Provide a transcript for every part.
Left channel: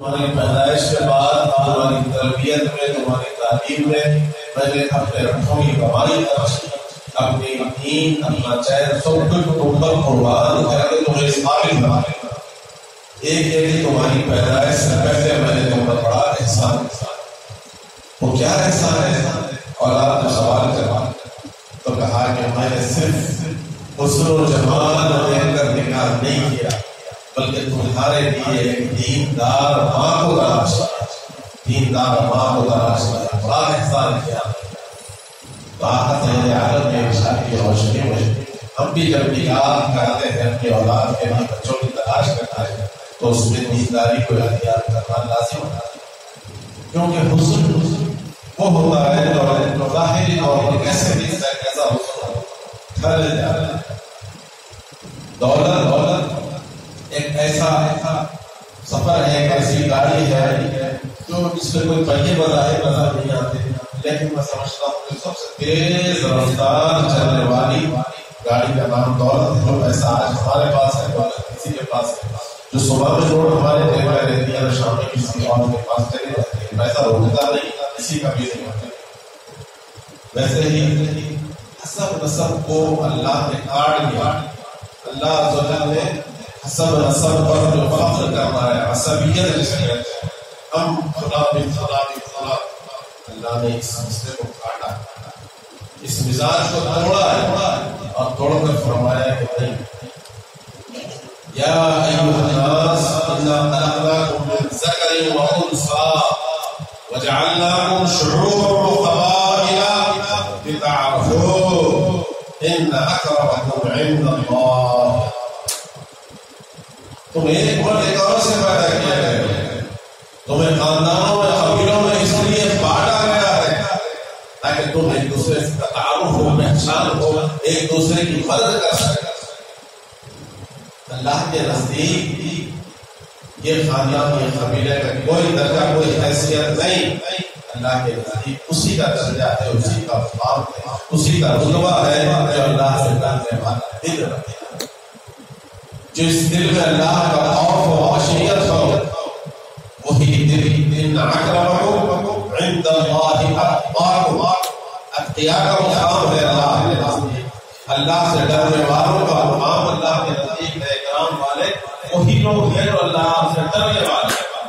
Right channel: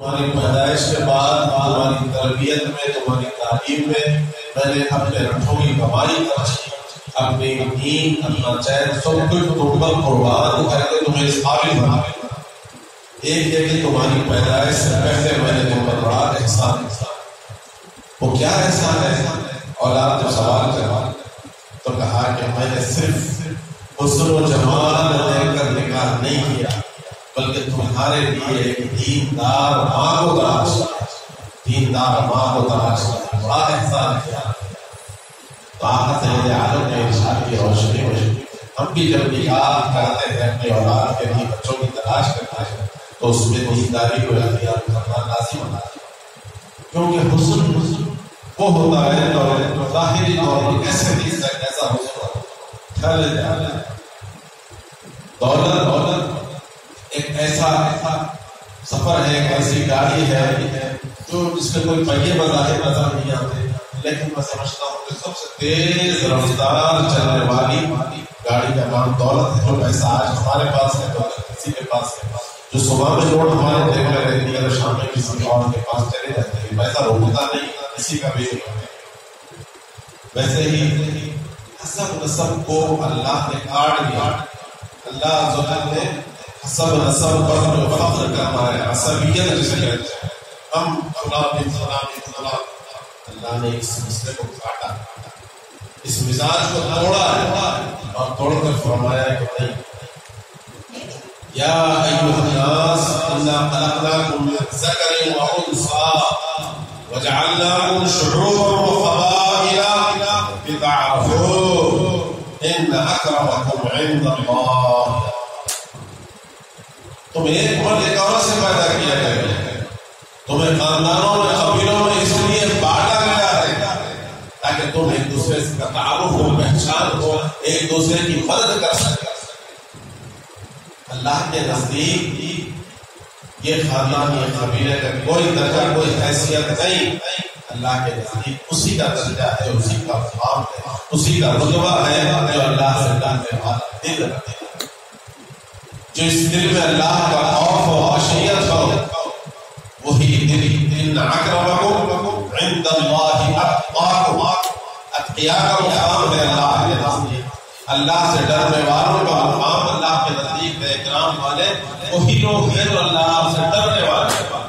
تمہاری پیدائش کے بعد تمہاری تربیت میں، تمہاری تعلیم میں نے اپنے رٹھوں کی کمائی کرتی، اپنی دین، اپنا چین سب کچھ تم پر قربان کر کے تمہیں اس قابل بنا دیا۔ ایک ہے کہ تمہاری پیدائش سے پہلے میں نے تم پر بڑا احسان کیا۔ وہ کیا احسان ہے؟ اولاد جب سوال کرا تو کہا کہ میں نے صرف حسن و جمال دے کر نکاح نہیں کیا، بلکہ تمہارے لیے ایک دیندار ماں کو تلاش کیا، دیندار ماں کو تلاش کیا، بڑا احسان کیا۔ تو آقا سید عالم نے ارشاد کی روشنی میں ہم بھی جب نکاح کرتے ہیں اپنی اولاد کے لیے بچوں کی تلاش کرتے ہیں تو اس میں دینداری کو اختیار کرنا لازم ہوتا ہے، کیونکہ حسن وہ ہوتا ہے جو ظاہری طور پر کیسے بھی کیسا حسن ٹھہر جاتا ہے۔ دولت ایک ایسا سفر ہے، ایک ایسی گاڑی ہے جو جس میں کوئی پہیے بظاہر نظر نہیں آتے، لیکن میں سمجھتا ہوں کہ سب سے تیز رفتار چلنے والی گاڑی کا نام دولت ہے۔ جو پیسہ آج ہمارے پاس ہے، دولت کسی کے پاس ہے، جو صبح میں نوٹ ہمارے جیب میں رہتی ہے اور شام میں کسی اور کے پاس چلے جاتے ہیں، پیسہ روکتا نہیں، کسی کا بھی نہیں ہوتا۔ ویسے ہی حسب نسب کو اللہ نے کاٹ دیا۔ اللہ عزوجل نے حسب نسب پر جو فخر کرنا ہے، عصبیت جسے کہتے ہیں، ہم فلاں بن فلاں بن فلاں، اللہ نے اس مسئلے کو کاٹا، اس مزاج کو توڑا ہے اور توڑ کر فرمایا کہ نہیں، یا ایھا الناس انا خلقناکم من ذکر و انثی وجعلناکم شعوبا وقبائل لتعارفوا ان اکرمکم عند اللہ۔ تمہیں ایک مرد ایک عورت سے پیدا کیا گیا ہے، تمہیں خاندانوں میں قبیلوں میں اس لیے بانٹا گیا ہے تاکہ تم ایک دوسرے کا تعارف ہو، پہچان ہو، ایک دوسرے کی مدد کر سکے۔ اللہ کے نزدیک یہ خاندان، یہ قبیلے کا کوئی درجہ، کوئی حیثیت نہیں، اللہ کے نزدیک اسی کا درجہ ہے، اسی کا مقام ہے، اسی کا رتبہ ہے جو اللہ سے ڈرنے والا دل رکھے گا، جو اس دل میں اللہ کا خوف و خشیت ہو، وہی دل۔ ان اکرمکم عند اللہ اتقاکم، اتقیاء کا مقام ہے اللہ کے نزدیک، اللہ سے ڈرنے والوں کا مقام اللہ کے نزدیک ہے۔ اکرام والے وہی لوگ ہیں جو اللہ سے ڈرنے والے ہیں۔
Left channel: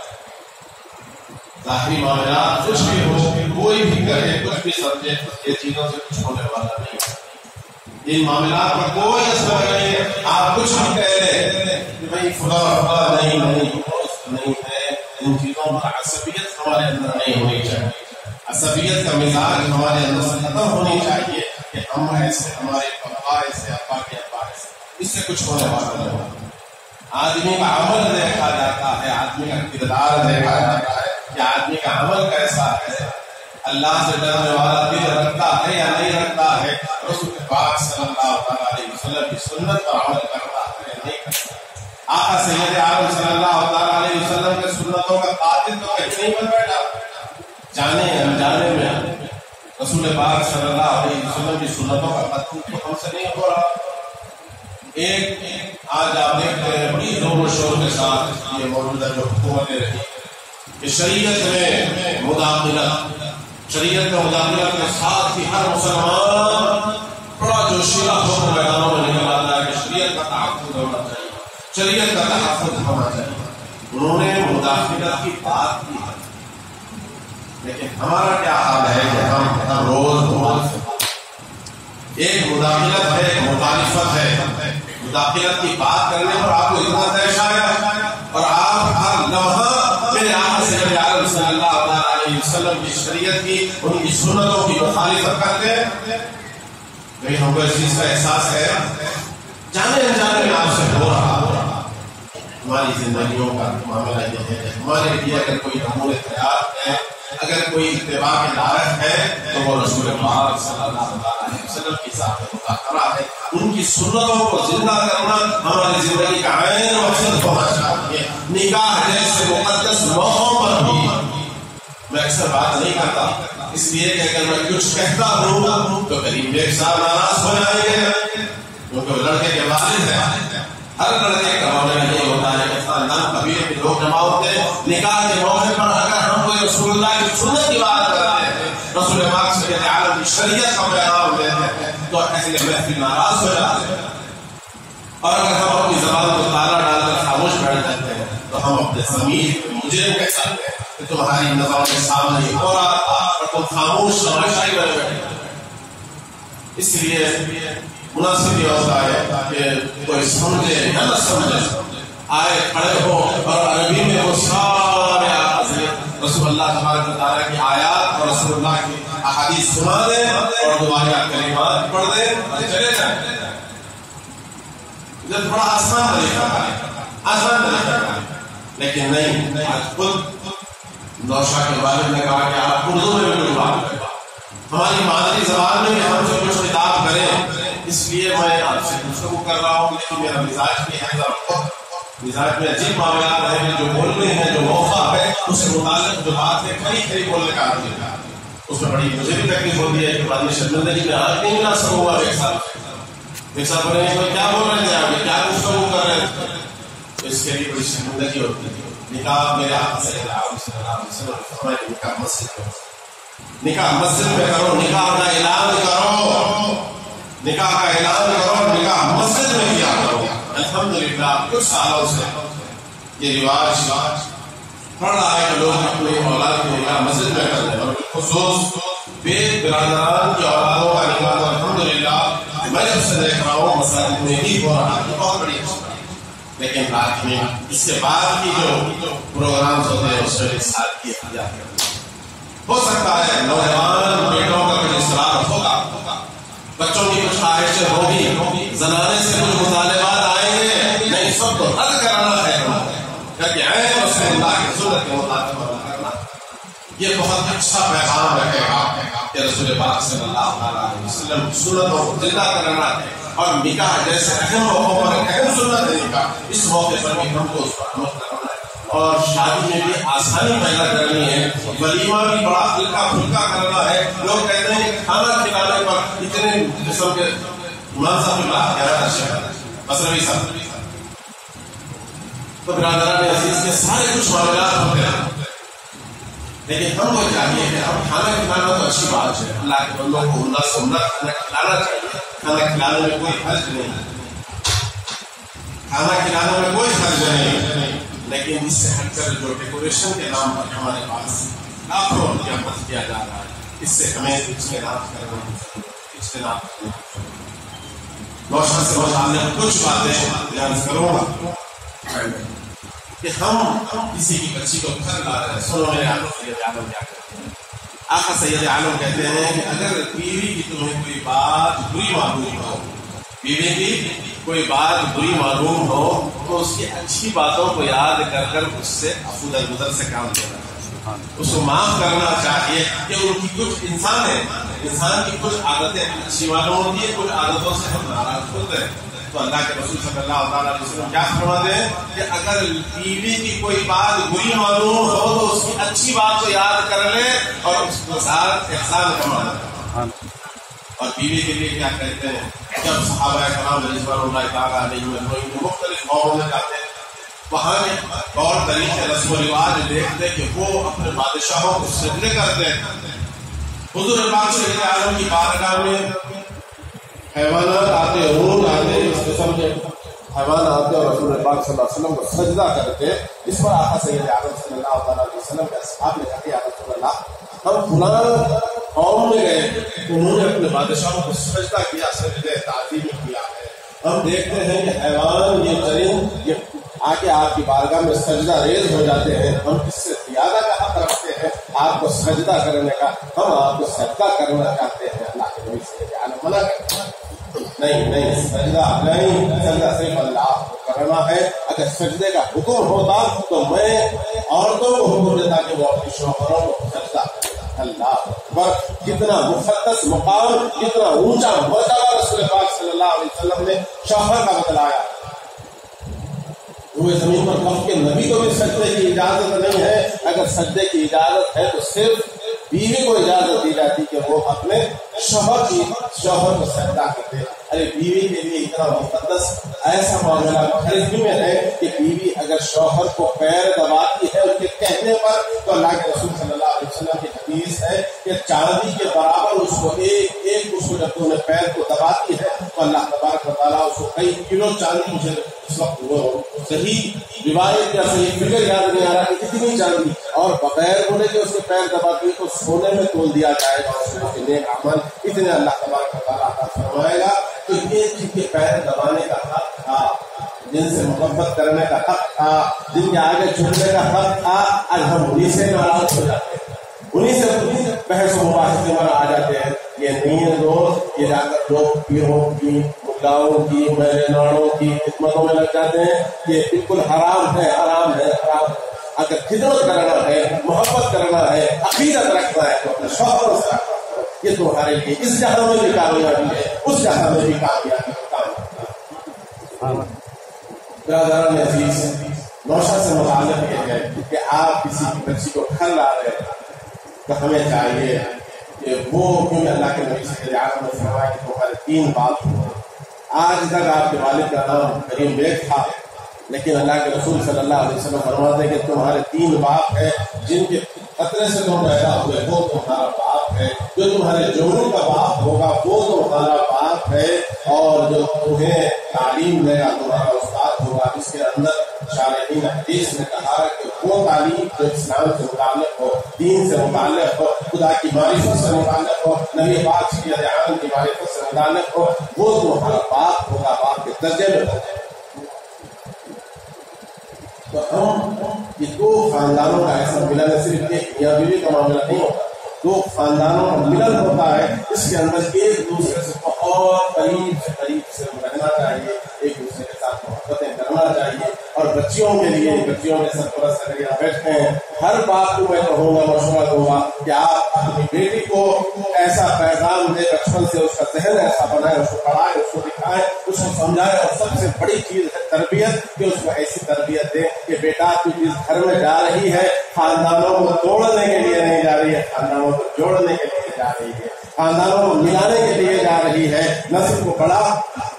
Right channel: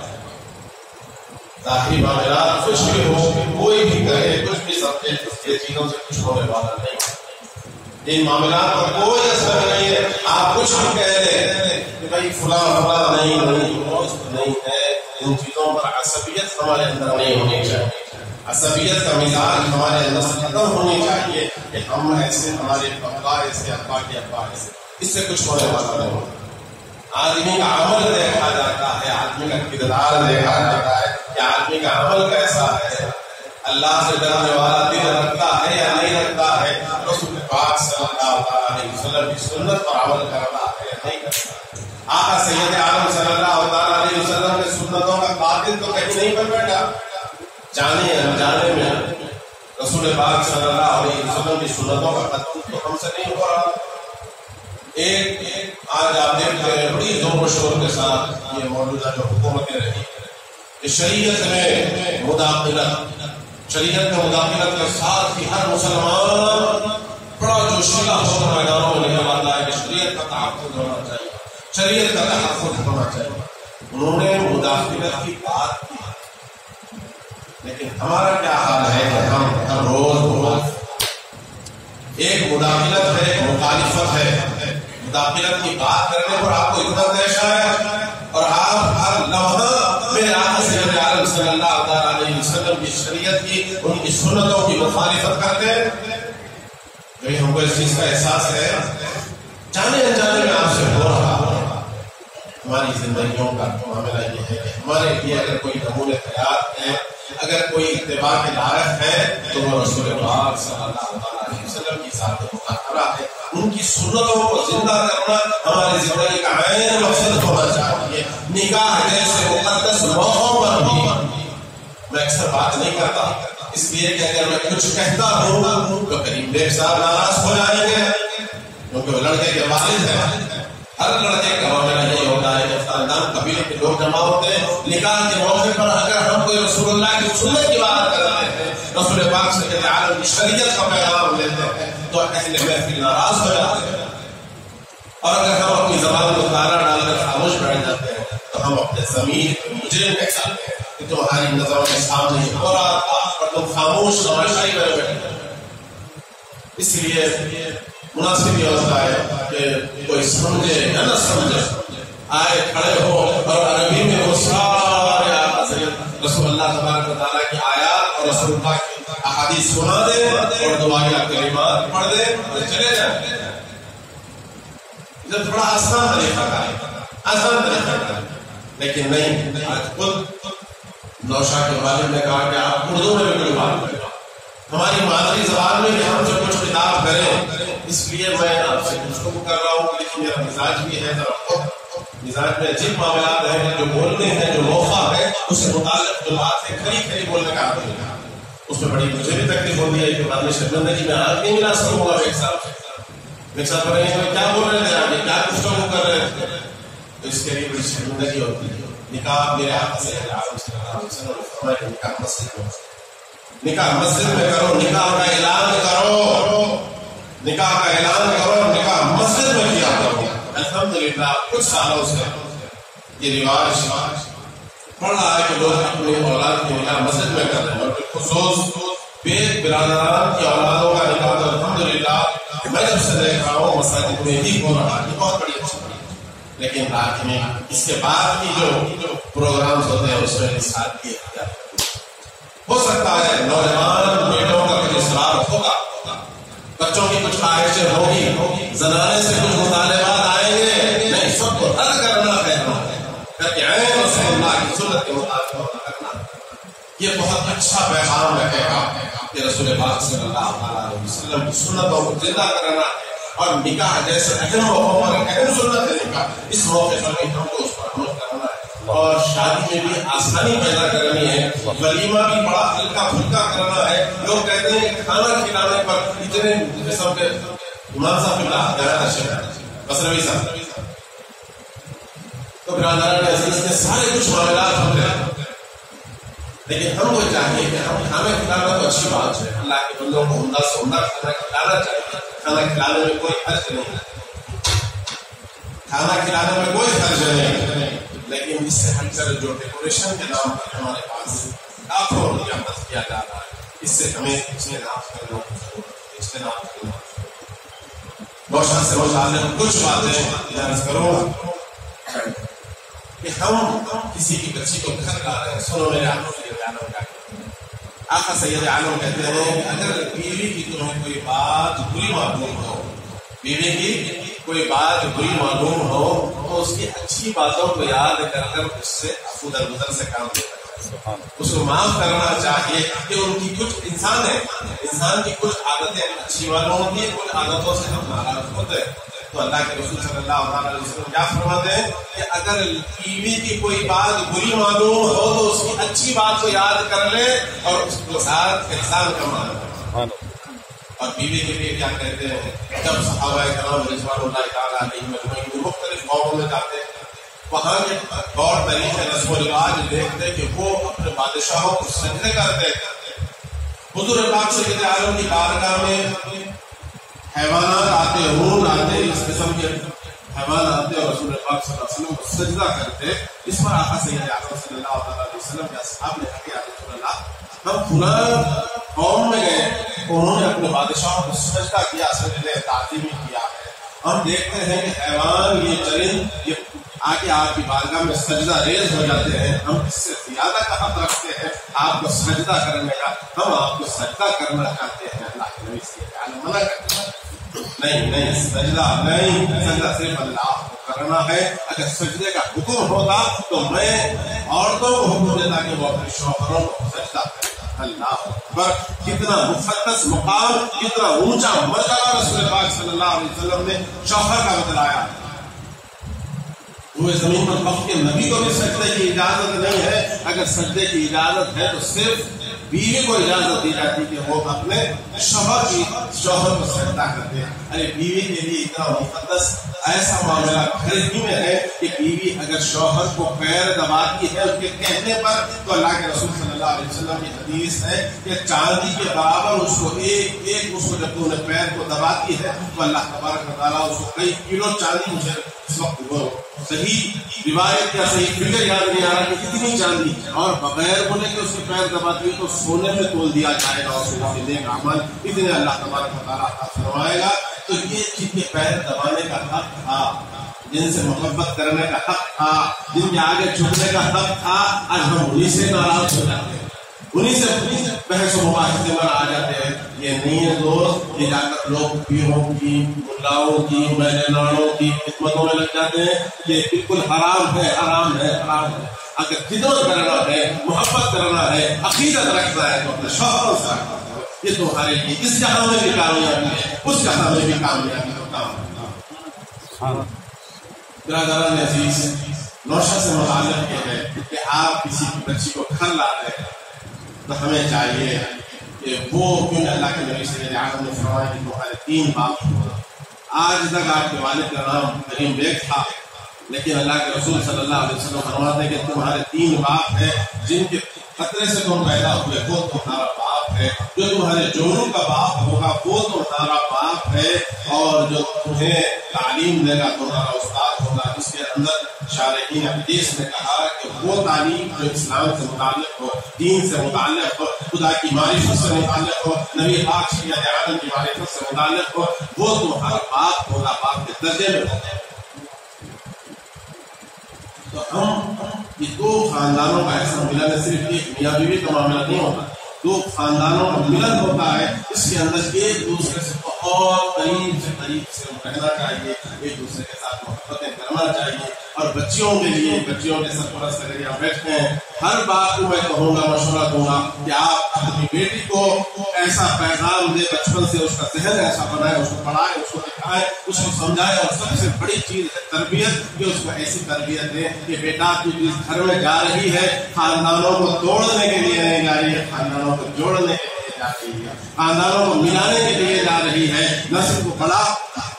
ظاہری معاملات کچھ بھی ہو، کوئی بھی کرے، کچھ بھی سمجھے، یہ چیزوں سے کچھ ہونے والا نہیں، ان معاملات پر کوئی اثر نہیں ہے۔ آپ کچھ بھی کہہ لیں کہ بھائی فلاں فلاں نہیں دوست نہیں ہے، ان چیزوں پر عصبیت ہمارے اندر نہیں ہونی چاہیے، عصبیت کا مزاج ہمارے اندر سے ختم ہونی چاہیے کہ ہم ایسے، ہمارے ابا ایسے، ابا کے ابا ایسے، اس سے کچھ ہونے والا نہیں ہوتا۔ آدمی کا عمل دیکھا جاتا ہے، آدمی کا کردار دیکھا جاتا ہے کہ آدمی کا عمل کیسا ہے، اللہ سے ڈرنے والا دل رکھتا ہے یا نہیں رکھتا ہے، رسول پاک صلی اللہ علیہ وسلم کی سنت پر عمل کرتا ہے یا نہیں کرتا۔ آقا سید عالم صلی اللہ علیہ وسلم کے سنتوں کا قاتل تو کہیں نہیں بن بیٹھا، جانے انجانے میں رسول پاک صلی اللہ علیہ وسلم کی سنتوں کا قتل تو ہم سے نہیں ہو رہا۔ ایک آج آپ دیکھتے ہیں بڑی زور و شور کے ساتھ یہ موجودہ جو حکومتیں رہی کہ شریعت میں مداخلت، شریعت کا مداخلت کے ساتھ ہی ہر مسلمان بڑا جوشیلا ہو کر میدانوں میں نکل آتا ہے کہ شریعت کا تحفظ ہونا چاہیے، شریعت کا تحفظ ہونا چاہیے۔ انہوں نے مداخلت کی بات کی، لیکن ہمارا کیا حال ہے کہ ہم ہر روز ایک مداخلت ہے، ایک مخالفت ہے، مداخلت کی بات کرنے پر آپ کو اتنا پیش آیا اور آپ ہر لمحہ میرے آقا سید عالم صلی اللہ علیہ وسلم کی شریعت کی، ان کی سنتوں کی مخالفت کرتے ہیں۔ کہیں ہم کو اس چیز کا احساس ہے، جانے انجانے میں آپ سے ہو رہا۔ ہماری زندگیوں کا معاملہ یہ ہے کہ ہمارے لیے اگر کوئی نمونے تیار ہے، اگر کوئی اتباع کے لائق ہے تو وہ رسول پاک صلی اللہ علیہ وسلم کی ذات مطہرہ ہے۔ ان کی سنتوں کو زندہ کرنا ہماری زندگی کا عین مقصد ہونا چاہیے۔ نکاح جیسے مقدس موقعوں پر بھی میں اکثر بات نہیں کرتا، اس لیے کہ اگر میں کچھ کہتا ہوں تو قریب ایک سال ناراض ہو جائیں گے، کیونکہ وہ لڑکے کے والد ہیں، ہر لڑکے کا معاملہ یہ ہوتا ہے کہ خاندان قبیلے کے لوگ جمع ہوتے ہیں. نکاح کے موقع پر اگر ہم کوئی رسول اللہ کی سنت کی بات کرتے ہیں, رسول پاک سید عالم کی شریعت کا پیغام دیتے ہیں, تو اہل محفل ناراض ہو جاتے ہیں. اور اگر ہم اپنی زبان کو تالا ڈال کر خاموش بیٹھ جاتے ہیں تو ہم اپنے ضمیر مجرم کہہ سکتے ہیں کہ تمہاری نظروں کے سامنے ہو رہا تھا اور تم خاموش نمائشائی بنے بیٹھے. اس لیے مناسب یہ ہوتا ہے کہ کوئی سمجھے یا نہ سمجھے, آئے کھڑے ہو اور عربی میں وہ سارے رسول اللہ تبارک و تعالیٰ کی آیات اور رسول اللہ کی احادیث سنا دیں اور دعائیں کلمات پڑھ دیں اور چلے جائیں. یہ تھوڑا آسان طریقہ ہے, لیکن نہیں. آج خود نوشا کے والد نے کہا کہ آپ اردو میں بھی بات کریں, ہماری مادری زبان میں ہم جو کچھ خطاب کریں. اس لیے میں آپ سے گفتگو کر رہا ہوں, لیکن میرا مزاج بھی ہے ذرا مزاج میں عجیب معاملات ہیں جو بولتے ہیں, جو موقع ہے اس سے متعلق جو بات ہے کھری کھری بولنے کا عادت ہے. اس میں بڑی مجھے بھی تکلیف ہوتی ہے کہ بعد میں شرمندگی میں آج نہیں ملا سر ہوا ایک سال کیا بول رہے تھے, آپ کیا گفتگو کر رہے تھے. اس کے لیے بڑی شرمندگی ہوتی ہے. نکاح میرے آقا صلی اللہ علیہ وسلم نکاح مسجد میں, نکاح مسجد میں کرو, نکاح کا اعلان کرو, نکاح کا اعلان کرو, نکاح مسجد میں کیا کرو. الحمدللہ کچھ سالوں سے یہ رواج پڑ رہا ہے کہ لوگ اپنی اولاد کی نکاح مسجد میں کر رہے ہیں, اور خصوص بے برادران کی اولادوں کا نکاح تو الحمدللہ میں جب سے دیکھ رہا ہوں مساجد میں ہی ہو رہا ہے. بہت بڑی اچھی. لیکن رات میں اس سے بعد کی جو پروگرامز ہوتے ہیں اس میں ساتھ کی حاجات ہو سکتا ہے نوجوان بیٹوں کا کچھ اصرار ہوگا, بچوں کی کچھ خواہشیں ہوگی, زنانے سے کچھ مطالبات آئیں گے, نہیں سب کو رد کرنا ہے کہ عین رسول اللہ کی سنت کے مطابق عمل کرنا. یہ بہت اچھا پیغام رکھے گا کہ رسول پاک صلی اللہ علیہ وسلم کی سنتوں کو زندہ کرنا ہے. اور نکاح جیسے اہم موقعوں پر اہم سنت ہے نکاح, اس موقع پر بھی ہم کو اس پر عمل کرنا ہے. اور شادی میں بھی آسانی پیدا کرنی ہے, ولیمہ بھی بڑا ہلکا پھلکا کرنا ہے. لوگ کہتے ہیں کہ کھانا کھلانے پر اتنے قسم کے امام صاحب اللہ کہنا چاہیے مصروی صاحب. تو برادران عزیز کے سارے کچھ معاملات ہوتے ہیں, لیکن ہم کو چاہیے کہ ہم کھانا کھلانا تو اچھی بات ہے, اللہ کے بندوں کو عمدہ سے عمدہ کھانا کھلانا چاہیے. کھانا کھلانے میں کوئی حرج نہیں ہے, کھانا کھلانے میں کوئی حرج نہیں, لیکن اس سے ہٹ کر جو ڈیکوریشن کے نام پر ہمارے پاس لاکھوں روپیہ خرچ کیا جا رہا ہے, اس سے ہمیں اجتناب کرنا. روشن سے متعلق کچھ باتیں عرض کروں گا کہ ہم کسی کی بچی کو گھر لا رہے ہیں. سنو میرے آقا سید عالم کیا کہتے ہیں. آقا سید عالم کہتے ہیں کہ اگر بیوی کی تمہیں کوئی بات بری معلوم ہو, بیوی کی کوئی بات بری معلوم ہو تو اس کی اچھی باتوں کو یاد کر کر اس سے عفو درگزر سے کام لینا چاہیے, اس کو معاف کرنا چاہیے. کہ ان کی کچھ انسان ہے, انسان کی کچھ عادتیں اچھی معلوم ہوتی ہیں, کچھ عادتوں سے ہم ناراض ہوتے ہیں. تو اللہ کے رسول صلی اللہ علیہ وسلم کیا فرماتے ہیں کہ اگر بیوی کی کوئی بات بری معلوم ہو تو اس کی اچھی بات کو یاد کر لے اور اس کے ساتھ احسان کا معنی. اور بیوی کے لیے کیا کہتے ہیں, جب صحابہ کرام رضوان اللہ تعالیٰ علیہم اجمعین مختلف قوموں میں جاتے ہیں, وہاں کے طور طریقے رسم و رواج دیکھتے کہ وہ اپنے بادشاہوں کو سجدے کرتے. حضور پاک صلی اللہ علیہ وسلم کی بارگاہ میں حیوانات آتے, اونٹ آتے, اس قسم کے حیوان آتے اور رسول پاک صلی اللہ علیہ وسلم کو سجدہ کرتے. اس پر آقا سید اعظم صلی اللہ علیہ وسلم کے اصحاب نے کہا کہ یا رسول اللہ, ہم فلاں قوم میں گئے تو انہوں نے اپنے بادشاہوں کو سجدہ کیا, سجدے تعظیمی کیا ہے. ہم دیکھتے ہیں کہ حیوان, یہ چرند, یہ آ کے آپ کی بارگاہ میں سجدہ ریز ہو جاتے ہیں. ہم اس سے زیادہ کا حق رکھتے ہیں آپ کو سجدہ کرنے کا, ہم آپ کو سجدہ کرنا چاہتے ہیں. اللہ کے نبی صلی اللہ علیہ وسلم منع کرتے ہیں, نہیں سجدہ نہیں, سجدہ صرف اللہ کو کرنا ہے. اگر سجدے کا حکم ہوتا تو میں عورتوں کو حکم دیتا کہ وہ اپنے شوہروں کو سجدہ کریں. اللہ اکبر, کتنا مقدس مقام, کتنا اونچا مرتبہ رسول پاک صلی اللہ علیہ وسلم نے شوہر کا بتلایا. وہ زمین پر وقت کے نبی کو بھی سجدے کی اجازت نہیں ہے. اگر سجدے کی اجازت ہے تو صرف بیوی کو اجازت دی جاتی کہ وہ اپنے شوہر کو سجدہ کرتے. ارے بیوی کے لیے اتنا مقدس ایسا معاملہ گھر ہی میں ہے کہ بیوی اگر شوہر کو پیر دباتی ہے اس کے کہنے پر تو اللہ کے رسول صلی اللہ علیہ وسلم کی حدیث ہے کہ چاندی کے برابر اس کو اس کو جب انہیں پیر کو دباتی ہے تو اللہ تبارک و تعالیٰ اس کو کئی کلو چاندی, مجھے اس وقت وہ صحیح روایت یا صحیح فکر یاد نہیں آ رہا کہ کتنی چاندی, اور بغیر بولے کہ اس کے پیر دباتی تو سونے میں تول دیا جائے گا اس کے نیک اعمال اتنے اللہ تبارک و تعالیٰ عطا فرمائے گا. تو یہ جن کے پیر دبانے کا حق تھا, جن سے محبت کرنے کا حق تھا, جن کے آگے جھکنے کا حق تھا, آج ہم انہیں سے ناراض ہو جاتے ہیں, انہیں سے بحث و مباحثے میں آ جاتے ہیں. یہ نہیں ہے دوست, یہ جا کر لوگ پیروں کی, ملاؤں کی, میلے ناڑوں کی خدمتوں میں لگ جاتے ہیں. یہ بالکل حرام ہے, حرام ہے, حرام ہے. اگر خدمت کرنا ہے, محبت کرنا ہے, عقیدت رکھنا ہے تو اپنے شوہروں سے رکھنا ہے. یہ تمہارے لیے اس جہاں میں بھی کامیابی ہے, اس جہاں میں بھی کامیابی ہوتا ہے. برادران عزیز, نوشہ سے متعلق یہ ہے کہ آپ کسی کی بچی کو گھر لا رہے ہیں تو ہمیں چاہیے کہ وہ, کیونکہ اللہ کے نبی صلی اللہ علیہ وسلم نے فرمایا کہ تمہارے 3 باپ ہوں. آج تک آپ کے والد کا نام مکریم تھا, لیکن اللہ کے رسول صلی اللہ علیہ وسلم فرماتے ہیں کہ تمہارے 3 باپ ہیں جن کے خطرے سے تم پیدا ہوئے, وہ تمہارا باپ ہے. جو تمہارے جوڑوں کا باپ ہوگا وہ تمہارا باپ ہے, اور جو تمہیں تعلیم دے گا تمہارا استاد ہوگا. اس کے اندر شارحین حدیث نے کہا کہ وہ تعلیم جو اسلام سے متعلق ہو, دین سے متعلق ہو, خدا کی معرفت سے متعلق ہو, نبی پاک صلی اللہ علیہ وسلم کی معرفت سے متعلق ہو, وہ تمہارا باپ ہوگا, باپ کے درجے میں ہوگا. تو ہم یہ 2 خاندانوں کا ایسا ملن ہے, صرف ایک میاں بیوی کا معاملہ نہیں ہوتا, 2 خاندانوں کا ملن ہوتا ہے. اس کے اندر ایک دوسرے سے بہت قریب سے رہنا چاہیے, ایک دوسرے کے ساتھ محبتیں کرنا چاہیے. اور بچیوں کے لیے, بچیوں کے سرپرست اگر یہاں بیٹھے ہیں, ہر باپ کو میں کہوں گا, مشورہ دوں گا کہ آپ اپنی بیٹی کو ایسا پیغام دے, بچپن سے اس کا ذہن ایسا بنائے, اس کو پڑھائے, اس کو دکھائے, اس کو سمجھائے. اور سب سے بڑی چیز ہے تربیت, کہ اس کو ایسی تربیت دے کہ بیٹا تو جس گھر میں جا رہی ہے خاندانوں کو توڑنے کے لیے نہیں جا رہی ہے, خاندانوں کو جوڑنے کے لیے جا رہی ہے, خاندانوں کو ملانے کے لیے جا رہی ہے, نسل کو بڑا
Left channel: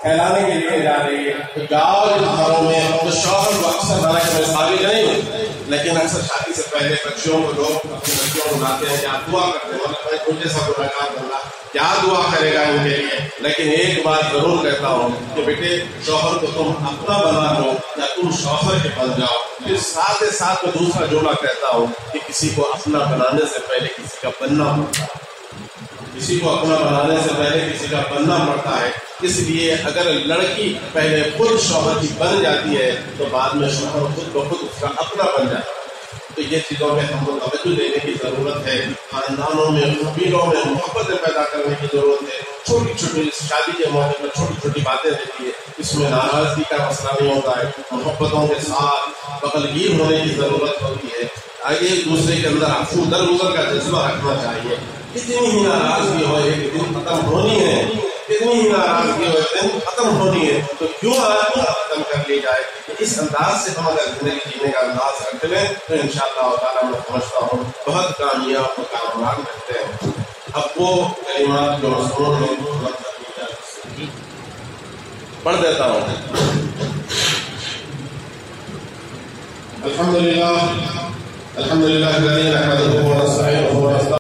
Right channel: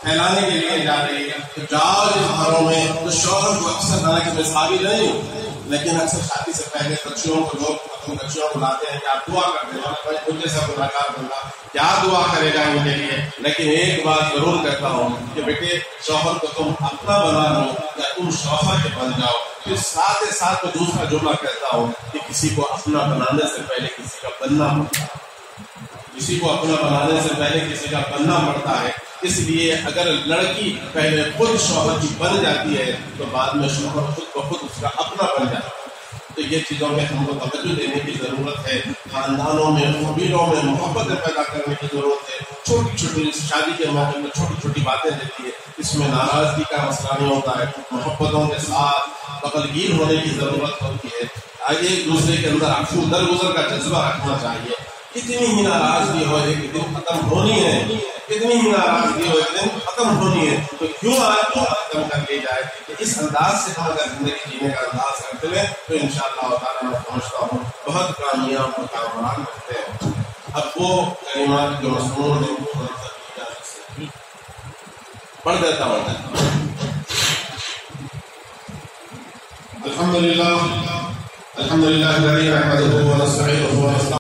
پھیلانے کے لیے جا رہی ہے. تو جاؤ جس گھروں میں تو شوہر کو اکثر حالانکہ میں قابل نہیں ہوں, لیکن اکثر شادی سے پہلے بچیوں کو لوگ اپنی بچیوں کو لاتے ہیں, کیا دعا کرتے ہیں, بھائی تم جیسا گنہگار بندہ کیا دعا کرے گا ان کے لیے. لیکن ایک بات ضرور کہتا ہوں کہ بیٹے شوہر کو تم اپنا بنا لو یا تم شوہر کے بن جاؤ. پھر ساتھ ہی ساتھ میں دوسرا جملہ کہتا ہوں کہ کسی کو اپنا بنانے سے پہلے کسی کا بننا پڑتا ہے, کسی کو اپنا بنانے سے پہلے کسی کا بننا پڑتا ہے. اس لیے اگر لڑکی پہلے خود شوہر کی بن جاتی ہے تو بعد میں شوہر خود بخود اس کا اپنا بن جاتا ہے. تو یہ چیزوں میں ہم کو توجہ دینے کی ضرورت ہے. خاندانوں میں, قبیلوں میں محبتیں پیدا کرنے کی ضرورت ہے. چھوٹی چھوٹی شادی کے موقع میں چھوٹی چھوٹی باتیں رہتی ہے, اس میں ناراضگی کا مسئلہ نہیں ہوتا ہے. محبتوں کے ساتھ بغلگیر ہونے کی ضرورت ہوتی ہے. آگے ایک دوسرے کے اندر عفو درگزر کا جذبہ رکھنا چاہیے. کتنی ہی ناراضگی ہو ایک دن ختم ہونی ہے, کتنی ہی ناراضگی ہو ایک دن ختم ہونی ہے, تو کیوں آپ ختم کر لی جائے. اس انداز سے ہم اگر زندگی جینے کا انداز رکھ لیں تو انشاءاللہ تعالیٰ میں سمجھتا ہوں بہت کامیاب اور کامران رہتے ہیں. اب وہ کلمات جو مسنون نے پڑھ دیتا ہوں. الحمدللہ الذی نحمده ونستعینه